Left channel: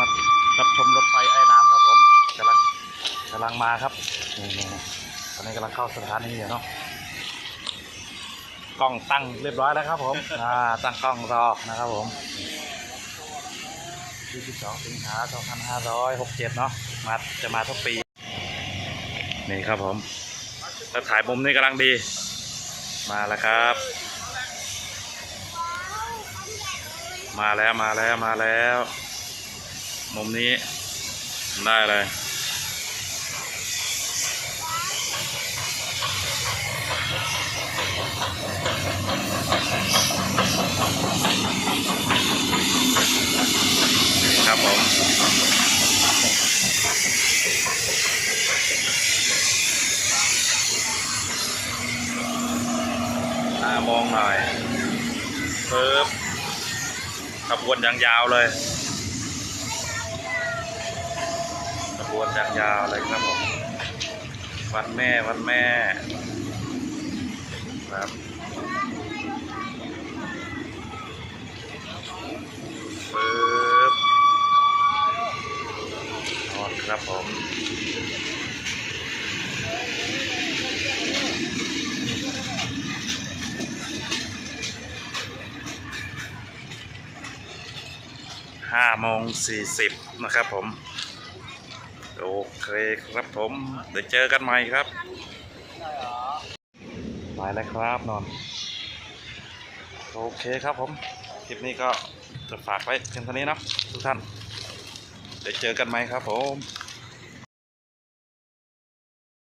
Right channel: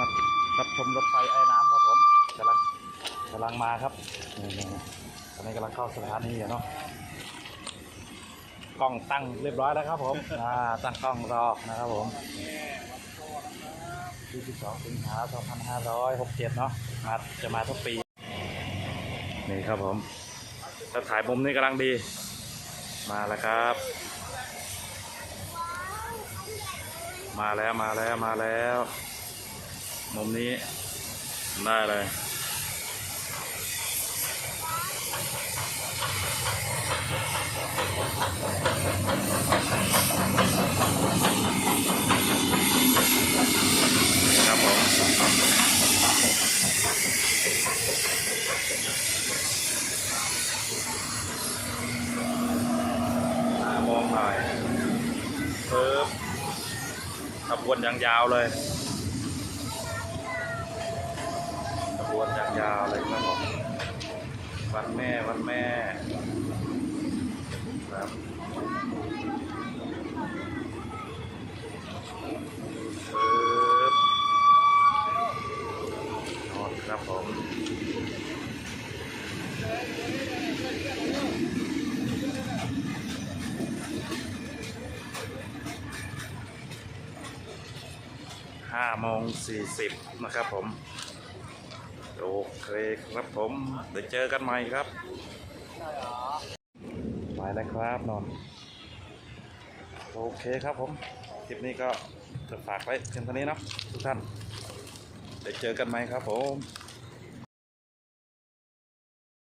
มารับชมรถไฟไอ้น้ำครับผมกำลังกำลังมาครับนี่นี่ตอนนี้กำลังเข้าสถานีอยู่เนาะกล้องตั้งเรียบร้อยแล้วครับผมอ่าตั้งกล้องรอนะครับผม22สิงหา2567เนาะมาจะมาทุกปีนี่ครับผมถ้าถ่ายมุมนี้กำลังดี มาแล้วครับ มาแล้วมาแล้วมาแล้ว มุมนี้ได้เลยครับผมตามองหน่อยเพิ่มขบวนย่างยาวเลย บวนอย่างยาวเลยครับผมวันแม่วันแม่ครับปึ๊บนอนครับผมห้าโมงสี่สิบนะครับผม โอเคครับผม เดี๋ยวเจอกันใหม่ครับไปแล้วครับนอน โอเคครับผม คลิปนี้ก็จะฝากไว้เพียงเท่านี้นะทุกท่าน เดี๋ยวเจอกันใหม่ครับผม